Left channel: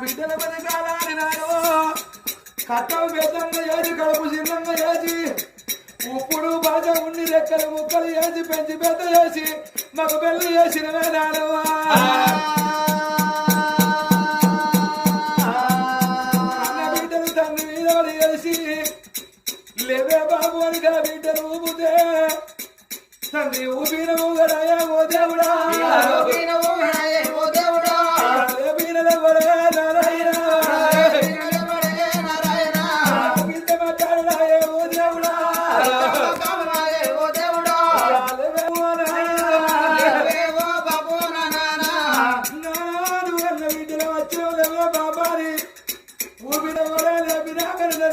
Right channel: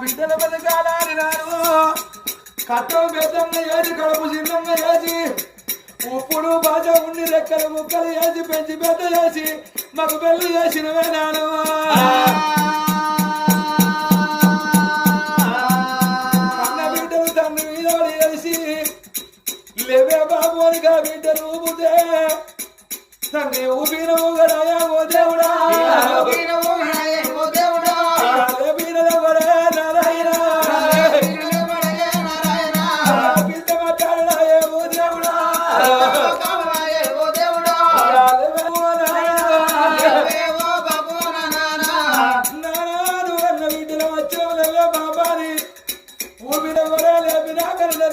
బిడ్డల బతకాలని నాను కట్టం పెద్దంగా వేసి కడుపు చిన్నంగా వేసి ఉప్పుడు బాజ ఉండి రెక్కలు ముక్కలు వేసి పెంచి పెద్ద చేసి మాకు పెళ్లి చేసినవే నాను అన్న బిడ్డలు తండ్రి మీద పడి చేసి లేవే బాబు అనిగా బిడ్డలు ఊపితే తండ్రి ఊపిన ఊగడాయా ఓ దేవుడా లేపినదెవరే నారాయణ ఊపిన లేపినా కన్నా